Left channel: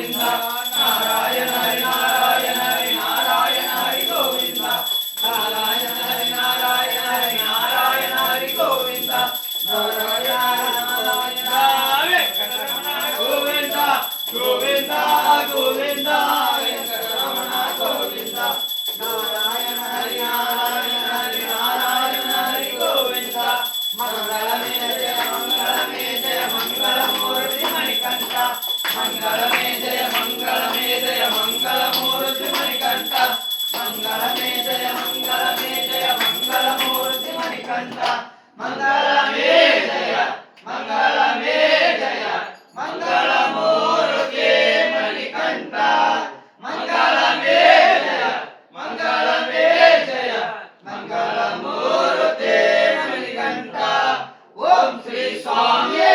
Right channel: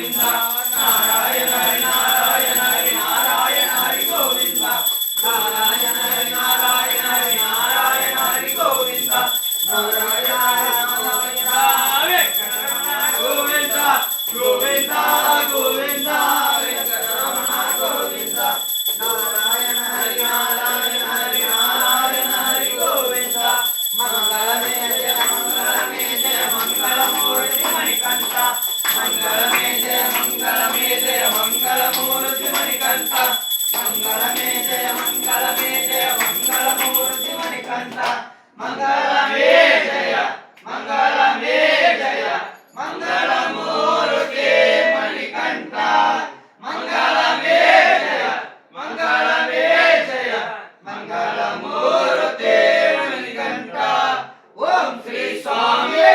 ಗೋವಿಂದ ನಾರಾಯಣ ಹರಿ ನಾರಾಯಣ ಹರಿ ನಾರಾಯಣ ಹರಿ ಗೋವಿಂದ ನಾರಾಯಣ ಹರಿ ನಾರಾಯಣ ಹರಿ ನಾರಾಯಣ ಹರಿ ಗೋವಿಂದ ನಾರಾಯಣ ನಾರಾಯಣ ವೆಂಕಟರಮಣ ಗೋವಿಂದ ಗೋವಿಂದ ಗೋವಿಂದ ವೆಂಕಟರಮಣ ಗೋವಿಂದ ನಾರಾಯಣ ಹರಿ ನಾರಾಯಣ ಹರಿ ನಾರಾಯಣ ಹರಿ ಗೋವಿಂದ ಮಂಗಳಮೇ ಜಯ ಮಂಗಳಮೇ ಜಯ ಮಂಗಳಮೂರ್ತಿ ಮಣಿಕಂಠ ಮಂಗಳಮೇ ಜಯ ಮಂಗಳಮೇ ಜಯ ಮಂಗಳಮೂರ್ತಿ ಮಣಿಕಂಠ ಮಂಗಳಮೇ ಜಯ ಮಂಗಳಮೇ ಜಯ ಮಂಗಳಮೂರ್ತಿ ಮಣಿಕಂಠ ಮಂಗಳಮೇ ಜಯ ಮಂಗಳಮೇ ಜಯ ಮಂಗಳಮೂರ್ತಿ ಮಣಿಕಂಠ ಮಂಗಳಮೇ ಜಯ ಮಂಗಳಮೇ ಜಯ ಮಂಗಳಮೂರ್ತಿ ಮಣಿಕಂಠ ಓಂ ಶ್ರೀ ಸ್ವಾಮಿ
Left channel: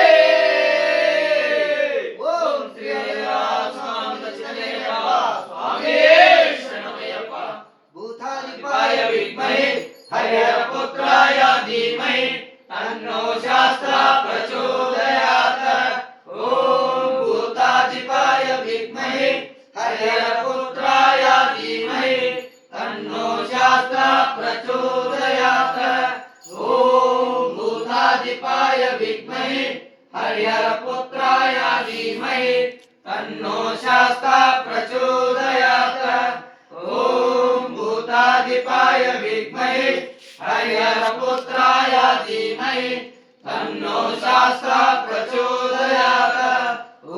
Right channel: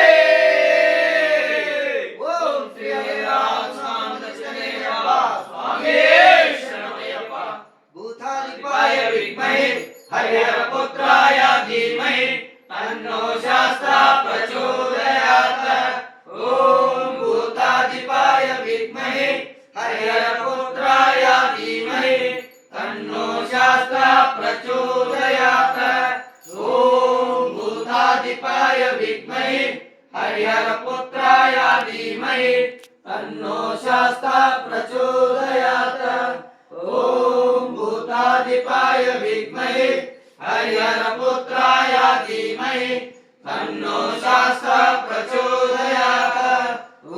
ಓಂ ಶ್ರೀ ಹರಿರಾಮ ದಕ್ಷಿಣೇಯಪ್ಪ ಸ್ವಾಮಿ ಶರಣಮಯ್ಯಪ್ಪ ಭೂತಾಧಿಪಾಯ ವಿದ್ಮಹೇ ಹರಿಹರ ಪುತ್ರಾಯ ಧೀಮಹಿ ತನ್ನೋ ಶಾಸ್ತ್ರ ಪ್ರಚೋದಯಾತ್ ಓಂ ಭೂತಾಧಿಪಾಯ ವಿದ್ಮಹೇ ಹರಿಹರ ಪುತ್ರಾಯ ಧೀಮಹಿ ತನ್ನೋ ಶಾಸ್ತ್ರ ಪ್ರಚೋದಯಾತ್ ಓಂ ಭೂತಾಧಿಪಾಯ ವಿದ್ಮಹೇ ಹರಿಹರ ಪುತ್ರಾಯ ಧೀಮಹಿ ತನ್ನೋ ಶಾಸ್ತ್ರ ಪ್ರಚೋದಯಾತ್ ಓಂ ಭೂತಾಧಿಪಾಯ ವಿದ್ಮಹೇ ಹರಿಹರ ಪುತ್ರಾಯ ಧೀಮಹಿ ತನ್ನೋ ಶಾಸ್ತ್ರ ಪ್ರಚೋದಯಾತ್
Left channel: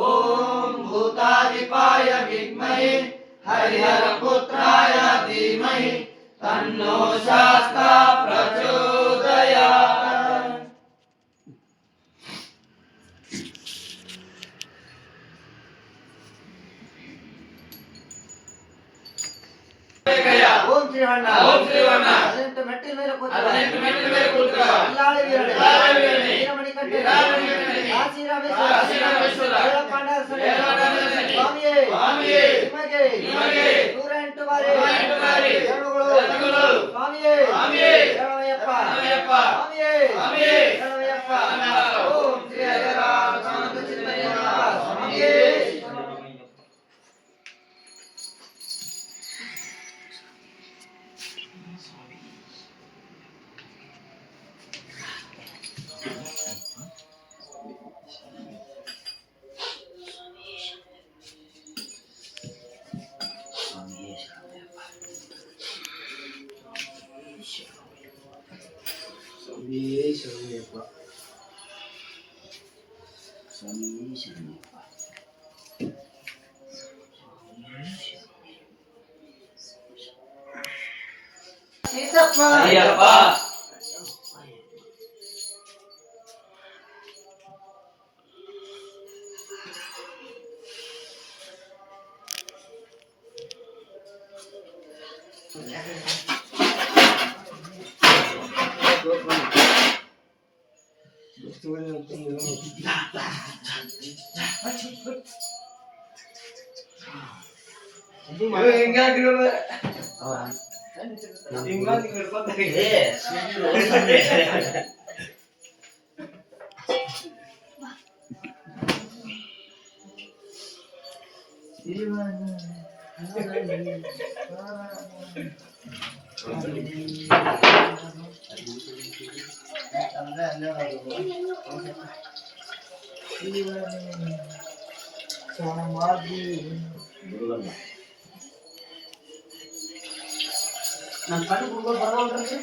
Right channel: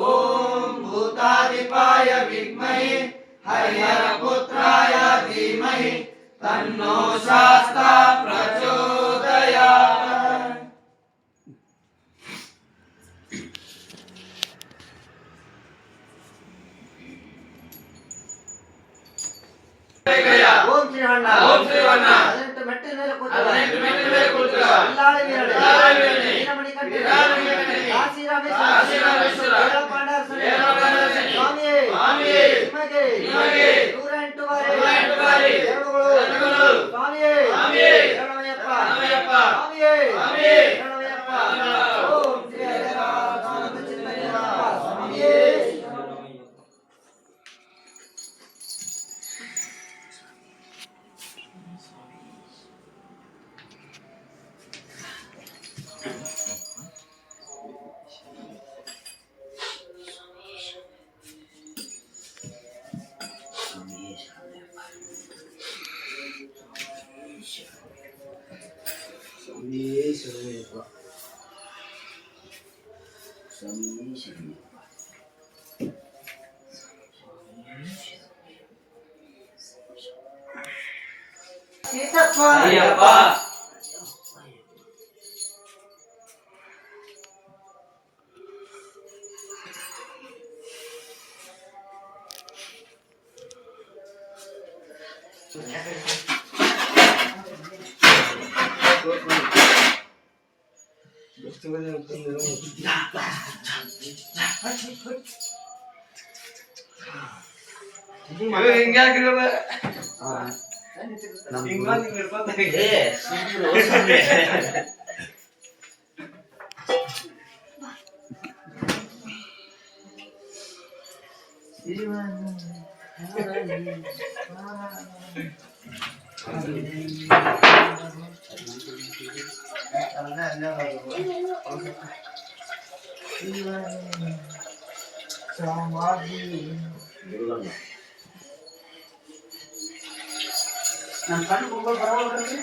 ಓಂ ಭೂತಾಧಿಪಾಯ ವಿದ್ಮಹೇ ಹರಿಹರ ಪುತ್ರಾಯ ಧೀಮಹಿ ತನ್ನೋ ಶಾಸ್ತ್ರ ಪ್ರಚೋದಯಾತ್ ಓಂ ಶ್ರೀವಣ್ಣ ಓಂ ಶ್ರೀವಣ್ಣ 18 ಮೆಟ್ಟಿಲ ಮೇಲೆ ಕೂತುವ ಅಲ್ಲಾಳ ವೀರನೇ ವೀರಮಣಿಕಂಠ ಕಾಶಿ ರಾಮೇಶ್ವರ ಸ್ವಾಮಿಯೇ ನಿಮಗೆ 108 ಬಾರಿ ಶರಣುಗಳು ಸ್ವಾಮಿಯೇ ಶರಣಮಯ್ಯಪ್ಪ ಸ್ವಾಮಿಯೇ ಶರಣಮಯ್ಯಪ್ಪ ಓಂ ಶ್ರೀ ಹರಿರಾಮ ಚಿಂತನೆಯಪ್ಪ ಸ್ವಾಮಿಯೇ ಅಯ್ಯಪ್ಪ ನಾನು ಕಣ್ಣು ಬರವಲ್ರಿ